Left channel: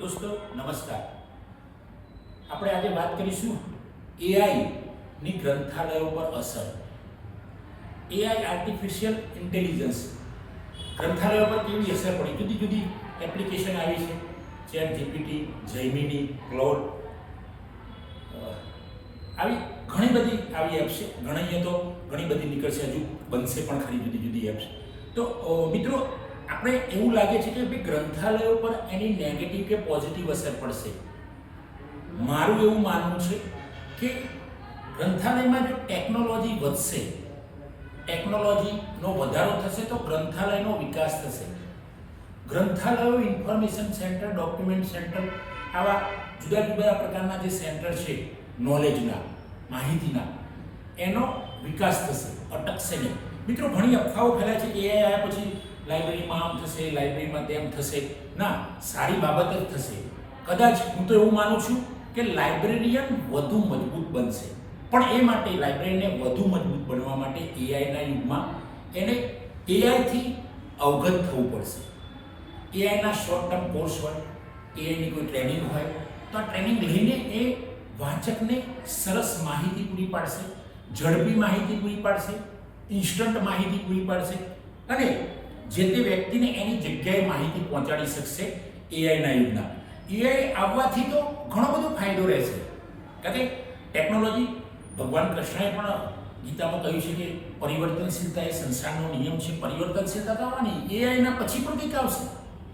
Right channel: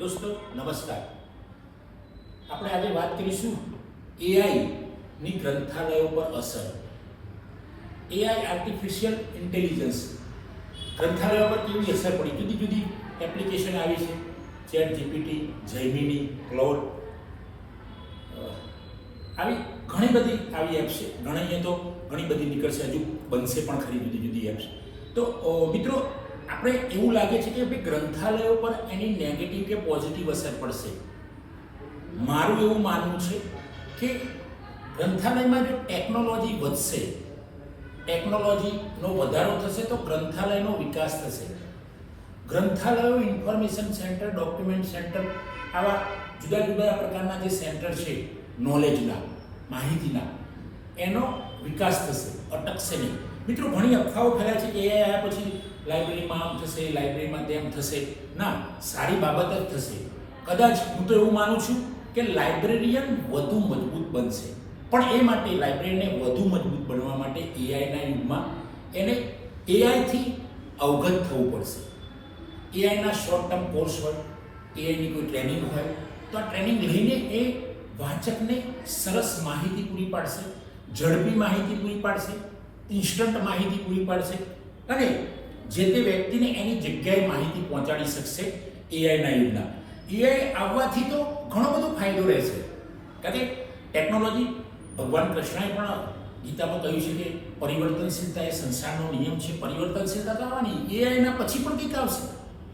દોસ્તો નમસ્કાર. આપણે આજે વાત કરીશું એઆઈ ની ગ્રંથાલયો પર અસર. એઆઈ આર્ટિફિશિયલ ઇન્ટેલિજન્સ ગ્રંથાલયો પર કેવી અસર પડી. જુદી જુદી એપ્લિકેશન આવી છે, ચેટ જીપીટી, જેમિની, ક્લોડ, આવી ઘણી બધી આવી એપ્સ છે. ઘણી તો ઘણી બધી નીકળશે, હજુ બનશે પણ ખરી જુદી જુદી એપ્સ. તો મિત્રો, આપણે એવું લાગે છે કે ભાઈ ગ્રંથાલયો પર એની નેગેટિવ કે પોઝિટિવ અસર પડશે. મારું એવું માનવું છે કે ગ્રંથાલયમાં જો ટેકનોલોજી વધશે, ટેકનોલોજીનો વધારો થશે તો ગ્રંથાલયનો વિકાસ થશે. ગ્રંથાલયો ઇન્ફોર્મેશન સેન્ટર, ડોક્યુમેન્ટ સેન્ટર, આવા જુદા જુદા પ્રકારના જે સેન્ટર છે નોલેજના, માહિતીના, એનો વિકાસ થશે, અટકશે નહીં. મિત્રો, ઘણી અફવાઓ ફેલાય છે કે એ આવ્યા પછી લાઇબ્રેરીમાં આમ થશે, લાઇબ્રેરીમાં તેમ થશે. ના, સારી બાબત જ થશે. કદાચ હું તો એવું માનું છું કે લાઇબ્રેરિયન વધુ મજબૂત બનશે, પણ એ માટે લાઇબ્રેરીને વધુ મજબૂત બનવા માટે એઆઈના યુગમાં એને એઆઈથી અવગત થવું પડશે. એઆઈના શોર્ટ ટર્મ કોર્સ હોય, એઆઈની કોઈ ટ્રેનિંગ હોય, તો આ ટ્રેનિંગ લઈને એ વાચકને સરસ માહિતી પૂરી પાડશે, ઝડપી માહિતી પૂરી પાડશે, ઇન્સ્ટન્ટ માહિતી પૂરી પાડશે અને જે તે વ્યક્તિને એની જગ્યાએ માહિતી પહોંચાડી શકશે. એઆઈના યુગના એઆઈ આવવાથી તો ઘણો બધો ફાયદો રહેશે. કારણ કે ટેકનોલોજી, ભગવાન કૃષ્ણએ પણ ગીતામાં કહ્યું છે કે પરિવર્તનશીલતા એ સંસારનો નિયમ છે. પરિવર્તનશીલતા થવાની, એઆઈના પછી પણ કંઈક આવશે.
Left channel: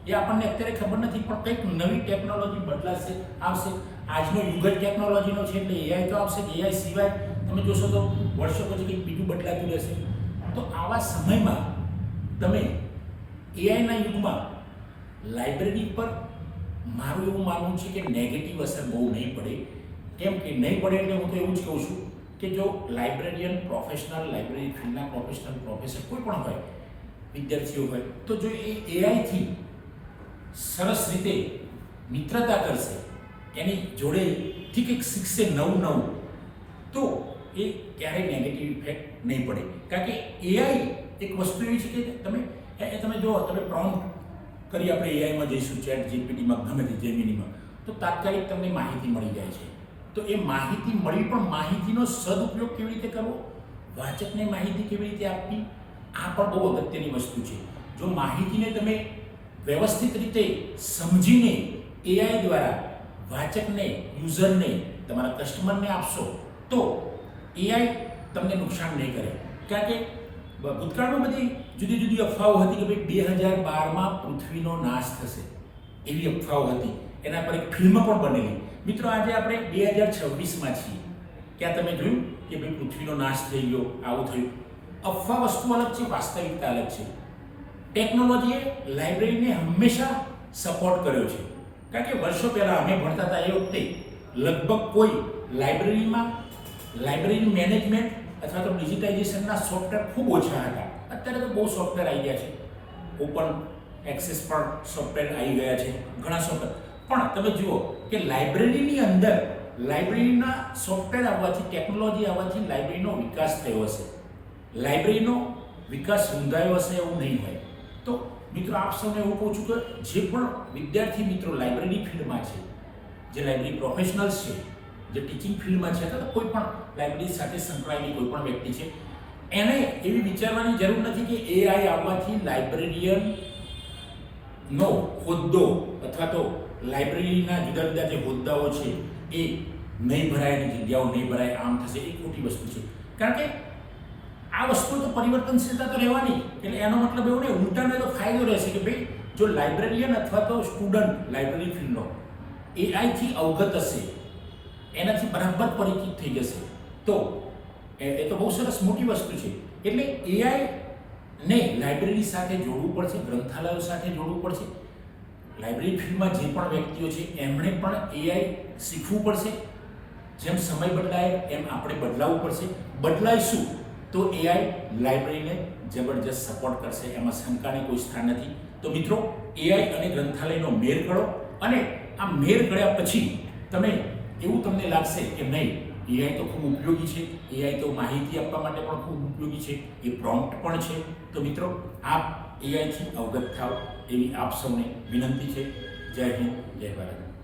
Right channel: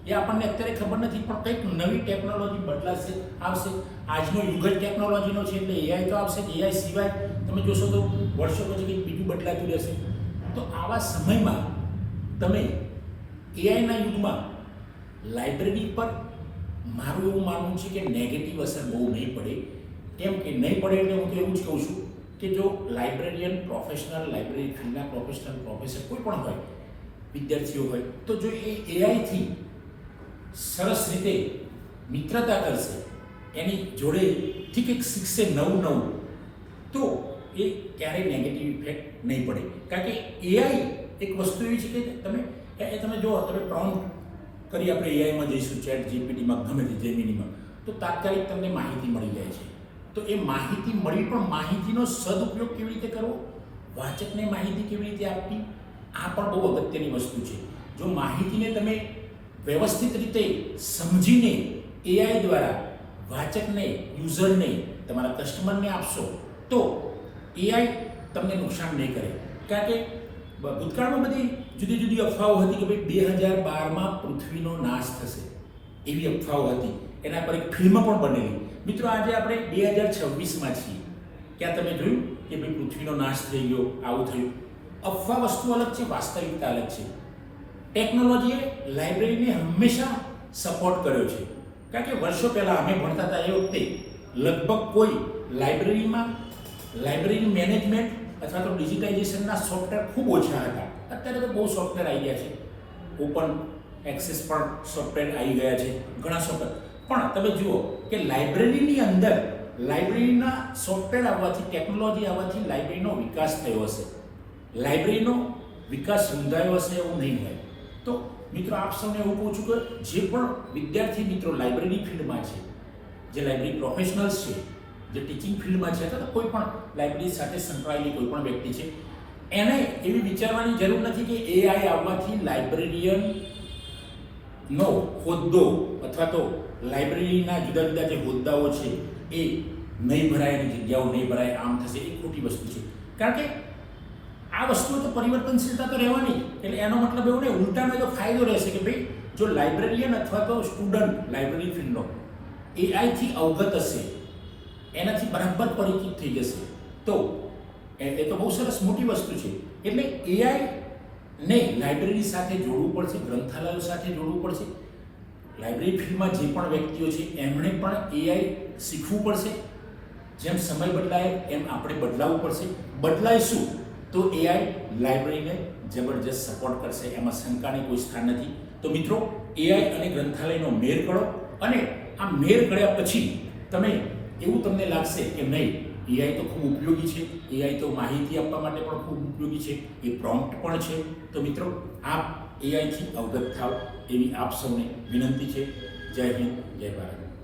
એ આપણને અત્યારે ખબર નથી, પણ કંઈક નવી ટેકનોલોજી બદલાશે, આવશે. આજનો યુગ જ ટેકનોલોજીનો છે, એટલે એઆઈ તો આવશે. એઆઈ સિવાય તમે જોશો તો વર્ષો પછી કંઈક બીજું બદલાતું રહેશે. તો આવા સમયમાં તમે એઆઈના યુગમાં લાઇબ્રેરી પર મારું એવું માનવું છે કે નેગેટિવ અસર બહુ નહીં પડે. કેમ કે નહીં પડે એટલે હું તો એવું જ કહું છું કે જો લાઇબ્રેરિયન પ્રોફેશનલ, લાઇબ્રેરી ફિલ્ડના પ્રોફેશનલ, પ્રોફેસર કોઈ પણ હોય, વિદ્યાર્થીઓ હોય, તો જો એ એઆઈથી સરસ રીતે મિત્રતા કરશે, એની જોડે ઠીક એક શીખશે નવું, તો એ ક્યારેય નેગેટિવ ઇફેક્ટ નહીં પડે. કારણ કે એઆઈ એક વસ્તુ એવી છે કે તમે જો તમે પ્રોમ્પ્ટ કરી, આપણે એઆઈમાં જઈશું, ચેટ જીપીટીમાં, ગમે તે જેમિનીમાં, તો તાત્કાલિક તમને માહિતી મળી જાય છે. તો એ માહિતી મળી, પણ માહિતીનો સદુપયોગ કેવી રીતે કરવો, વાચકને માહિતી કેવી રીતે આપવી, આ પણ બહુ અગત્યની વસ્તુ છે. જો માહિતીને તમે વ્યવસ્થિત રીતે સમજીને એઆઈ દ્વારા વાચકને, યુઝરને, તમારા કસ્ટમરને આપશો તો એઆઈ તમને નુકસાન નહીં કરે. કારણ કે ભૂતકાળમાં બધી જુદી જુદી અફવાઓ હતી કે ભાઈ 2012માં પૃથ્વીનો નાશ થશે, એવી અફવાઓ હતી. એના પર એક ફિલ્મ પણ બનેલી. મિત્રો, આજે આપણે 2026માં છીએ. ક્યાં તમે જોયું કે ભાઈ પૃથ્વીનો નાશ થઈ ગયો, આવું થયું? અફવા વસ્તુ અલગ છે, વાસ્તવિકતા અલગ છે. ટેકનોલોજીએ લાઇબ્રેરીને હંમેશા સપોર્ટ કર્યો છે. કારણ કે વર્ષો પહેલાં અમે ભણતા હતા એ વખતે લગભગ કોઈ લાઇબ્રેરી મેનેજમેન્ટ અથવા તો ડિજિટાઇઝેશનના સોફ્ટવેર ખૂબ ઓછા હતા. અત્યારે તો બહુ સોફ્ટવેર આવી ગયા છે, ઓપન એક્સેસ પણ સોફ્ટવેર આવી ગયા છે, ઘણા સોફ્ટવેર. પણ તમે જુઓ કે લાઇબ્રેરીની અંદર લાઇબ્રેરીના સોફ્ટવેર આવવાથી, ટેકનોલોજી આવવાથી લાઇબ્રેરીનો વિકાસ થયો હશે. લાઇબ્રેરીનો વિકાસ સમજાયો હશે એવું નહીં હોય. તો મિત્રો, આપ સૌને એવું કહું છું કે જે પણ વિદ્યાર્થી મિત્રો લાઇબ્રેરી ફિલ્ડમાં છે, જે લાઇબ્રેરી પ્રોફેશનલ્સ છે, જે ટીચિંગ ફિલ્ડમાં છે, અથવા કોઈ પણ લાઇબ્રેરી સાથે સંકળાયેલી કોઈ પણ વ્યક્તિ છે, એને એવી વિચારવાની જરૂર નથી કે એઆઈ આવવાથી લાઇબ્રેરિયનનો હોદ્દો અથવા તો લાઇબ્રેરીના જુદા જુદા જે હોદ્દાઓ છે એ નહીં ભરાય, એની જગ્યાઓ નહીં ભરાય, આમ થશે. એ ખોટી વસ્તુ છે. કારણ કે આ વસ્તુ તો પરિવર્તનશીલતા તો રહેવાની, એટલે એનો મતલબ એવું નહીં, ઉલટાનો તો ફાયદો રહેશે કે ભાઈ જો લાઇબ્રેરિયન અથવા તો સ્ટુડન્ટ લાઇબ્રેરી ફિલ્ડનો એઆઈથી અવગત હશે, એનાથી બરાબર પરિચિત થઈ જશે, તો એ તો બહુ સરસ મોટી વસ્તુ છે. એટલે એઆઈને લાઇબ્રેરી સાથે જોડવું પડશે, ગ્રંથાલયો સાથે જોડવું પડશે. લાઇબ્રેરી ફિલ્ડમાં જે પણ વ્યક્તિઓ છે એમણે પણ એઆઈ શીખવું પડશે. જેમ સમય બદલાય એમ આપણે બદલાવવું પડશે. બદલાઈશું તો એઆઈ લાઇબ્રેરીને જબરજસ્ત સપોર્ટ કરશે, એમાં શંકાની કોઈ સ્થાન નથી. તો મિત્રો, એઆઈ અને ગ્રંથાલયનો મેળ કરો, અને આ મેળ કર્યા પછી તમે એવું તમને લાગશે કે નહીં, એઆઈ તો ખૂબ ઉપયોગી છે, એઆઈ તો માહિતી આપવા માટે પણ ખૂબ ઉપયોગી છે, એ પ્રોમ્પ્ટ પણ છે. તો મિત્રો, આપ એઆઈથી અવગત થાવ એવી આપ સૌને વિનંતી છે. જય હિન્દ, જય ભારત.